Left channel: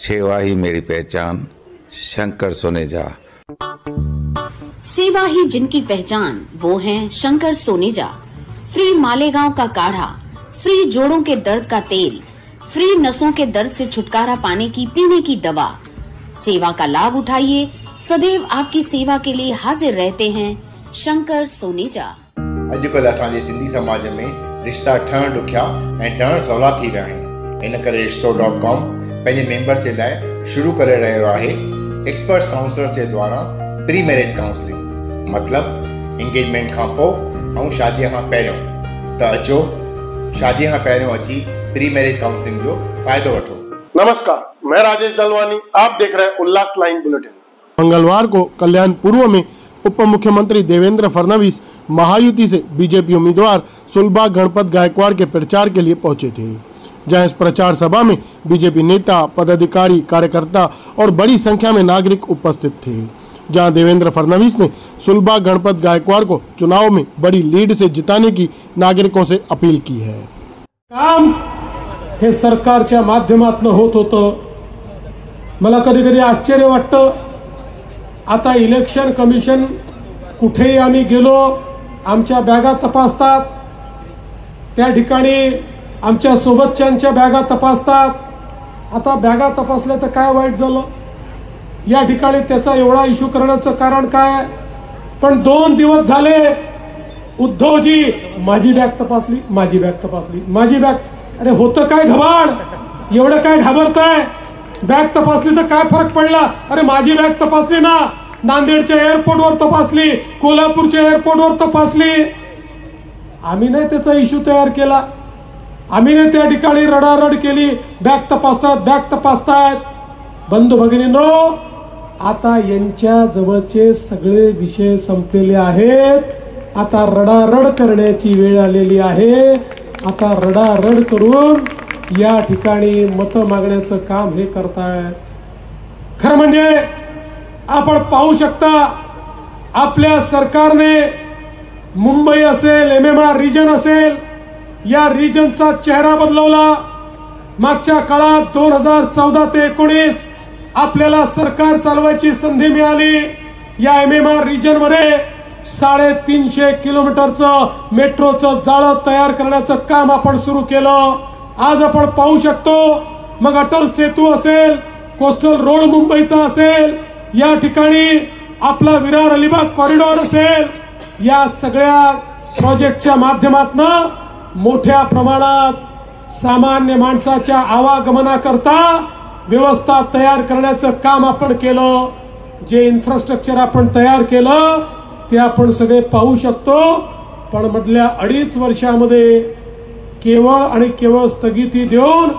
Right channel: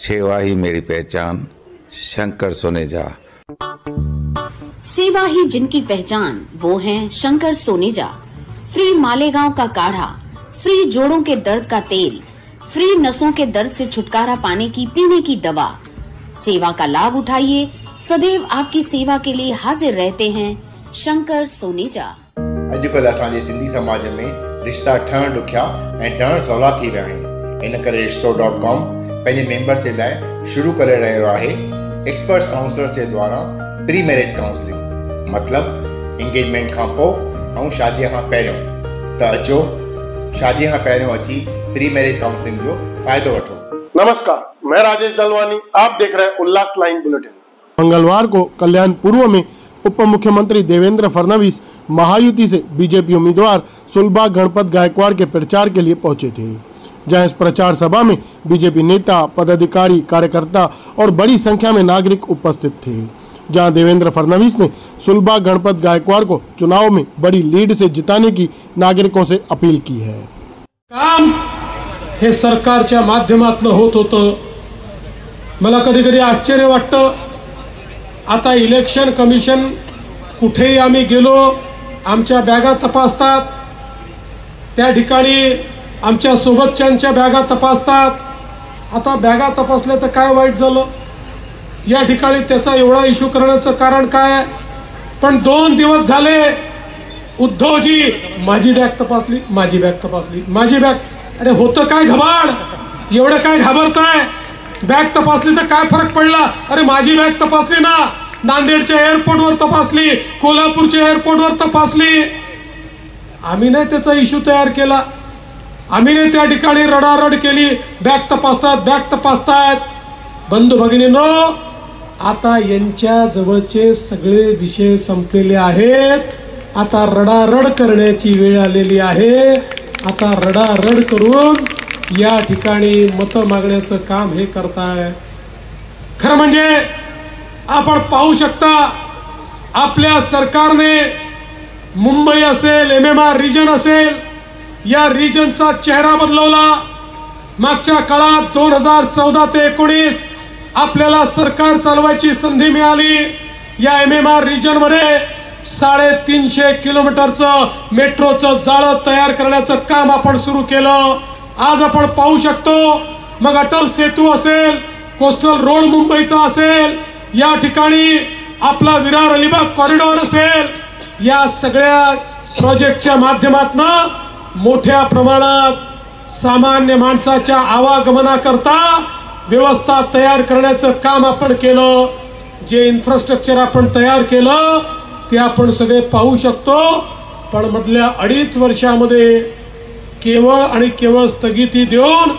सेवा ही मेरी पहचान, शंकर सोनेजा। सेवा ही जिनकी पहचान, वो हैं शंकर सोनेजा। फ्री मालेगांव का काढ़ा, फ्री जोड़ों के दर्द का तेल, फ्री नसों के दर्द से छुटकारा पाने की पीने की दवा। सेवा का लाभ उठाइए, सदैव आपकी सेवा के लिए हाजिर रहते हैं शंकर सोनेजा। अॼुकल्ह असांजे सिंधी समाज में रिश्ता ठहण ॾुखिया ऐं ठहण सवला थी विया आहिनि। इन करे रिश्तो.com पंहिंजे मेंबर्स जे लाइ शुरू करे रहियो आहे एक्सपर्ट्स काउंसलर्स जे द्वारा प्री मैरिज काउंसलिंग, मतलब एंगेजमेंट खां पोइ ऐं शादीअ खां पहिरियों। त अचो शादीअ खां पहिरियों अची प्री मैरिज काउंसलिंग जो फ़ाइदो वठो। नमस्कार, मैं राजेश दलवानी, आप देख रहे हैं उल्लास लाइन बुलेटिन। मंगलवार को कल्याण पूर्व में उप मुख्यमंत्री देवेंद्र फडणवीस महायुति से बीजेपी उम्मीदवार सुलभा गणपत गायकवाड़ के प्रचार के लिए पहुंचे थे, जहां इस प्रचार सभा में बीजेपी नेता, पदाधिकारी, कार्यकर्ता और बड़ी संख्या में नागरिक उपस्थित थे। जहां देवेंद्र फडणवीस ने सुलभा गणपत गायकवाड़ को चुनाव में बड़ी लीड से जिताने की नागरिकों से अपील की है। काम हे सरकारच्या माध्यमातून होत होतं। मला कधी कधी आश्चर्य वाटतं, आता इलेक्शन कमिशन कुठेही आम्ही गेलो, आमच्या बॅगा तपासतात, त्या ठिकाणी आमच्या सोबतच्यांच्या बॅगा तपासतात। आता बॅगा तपासल्या तर काय वाईट झालं, या ठिकाणी त्याचा एवढा इश्यू करण्याचं कारण काय? पण 2 दिवस झाले उद्धवजी माझी बॅग तपासली, माझी बॅग तपासली, माझी बॅग। अरे होतं काय घबाड, एवढं काय घाबरताय? बॅग तपासली तर काय फरक पडला? अरे माझी बॅग तपासली ना, नांदेडच्या एअरपोर्टवर तपासली, कोल्हापूरच्या एअरपोर्टवर तपासली। आम्ही नाही त्याचा इश्यू तयार केला, आम्ही नाही त्या ठिकाणी रडारड केली, बॅग तपासतात, बॅग तपासतात। बंधू भगिनींनो, आता यांच्या जवळचे सगळे विषय संपलेले आहेत। आता रडारड करण्याची वेळ आलेली आहे। आता रडारड करून या ठिकाणी मत मागण्याचं काम हे करताय। खरं म्हणजे आपण पाहू शकता, आपल्या सरकारने मुंबई असेल, MMR रिजन असेल, या रिजनचा चेहरा बदलवला। मागच्या काळात 2014 ते 19 आपल्याला सरकार चालवायची संधी मिळाली। या MMR रिजन मध्ये 350 किलोमीटरचं मेट्रोचं जाळं तयार करण्याचं काम आपण सुरू केलं। आज आपण पाहू शकतो, मग अटल सेतू असेल, कोस्टल रोड मुंबईचा असेल, या ठिकाणी आपला विरार अलिबाग कॉरिडॉर असेल, या सगळ्या प्रोजेक्टच्या माध्यमातून मोठ्या प्रमाणात सामान्य माणसाच्या आवागमनाकरता व्यवस्था तयार करण्याचं काम आपण केलं। जे इन्फ्रास्ट्रक्चर आपण तयार केलं ते आपण सगळे पाहू शकतो। पण मधल्या 2.5 वर्षामध्ये केवळ आणि केवळ स्थगिती देऊन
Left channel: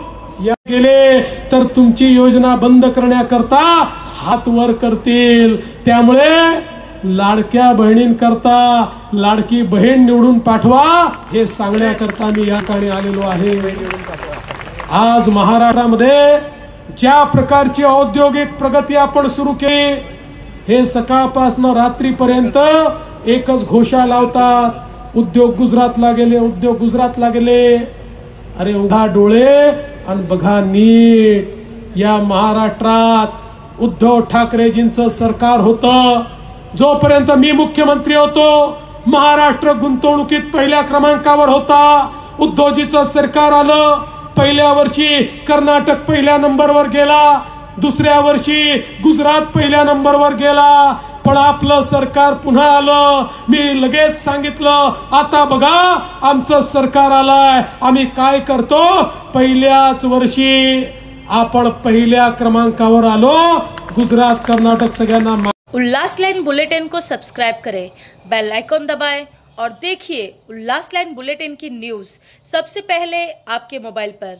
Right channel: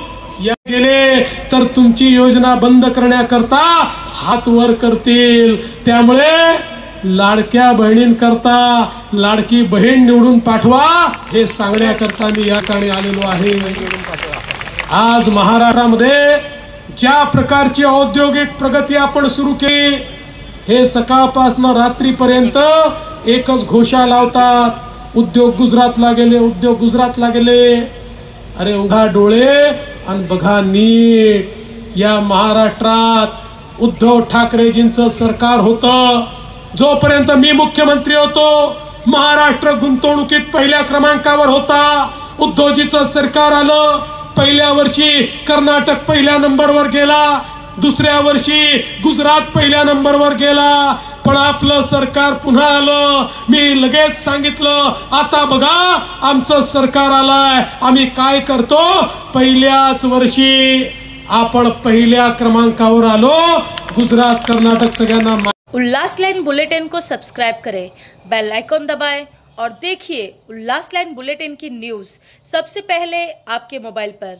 या गेले तर तुमची योजना बंद करण्याकरता हात वर करतील। त्यामुळे लाडक्या बहिणींकरता लाडकी बहीण निवडून पाठवा हे सांगण्याकरता मी या ठिकाणी आलेलो आहे। आज महाराष्ट्रामध्ये ज्या प्रकारची औद्योगिक प्रगती आपण सुरू केली, हे सकाळपासून रात्रीपर्यंत एकच घोषा लावतात, उद्योग गुजरातला गेले, उद्योग गुजरातला गेले। अरे उघडा डोळे आणि बघा नीट, या महाराष्ट्रात उद्धव ठाकरेजींचं सरकार होतं। जोपर्यंत मी मुख्यमंत्री होतो, महाराष्ट्र गुंतवणुकीत पहिल्या क्रमांकावर होता। उद्धवजीचं सरकार आलं, पहिल्या वर्षी कर्नाटक पहिल्या नंबरवर गेला, दुसऱ्या वर्षी गुजरात पहिल्या नंबरवर गेला। पण आपलं सरकार पुन्हा आलं, मी लगेच सांगितलं, आता बघा आमचं सरकार आलंय, आम्ही काय करतो, पहिल्याच वर्षी आपण पहिल्या क्रमांकावर आलो। गुजरात, कर्नाटक सगळ्यांना। उल्लास लाइन बुलेटिन को सब्सक्राइब करें, बेल आइकॉन दबाएं और देखिए उल्लास लाइन बुलेटिन की न्यूज़ सबसे पहले आपके मोबाइल पर।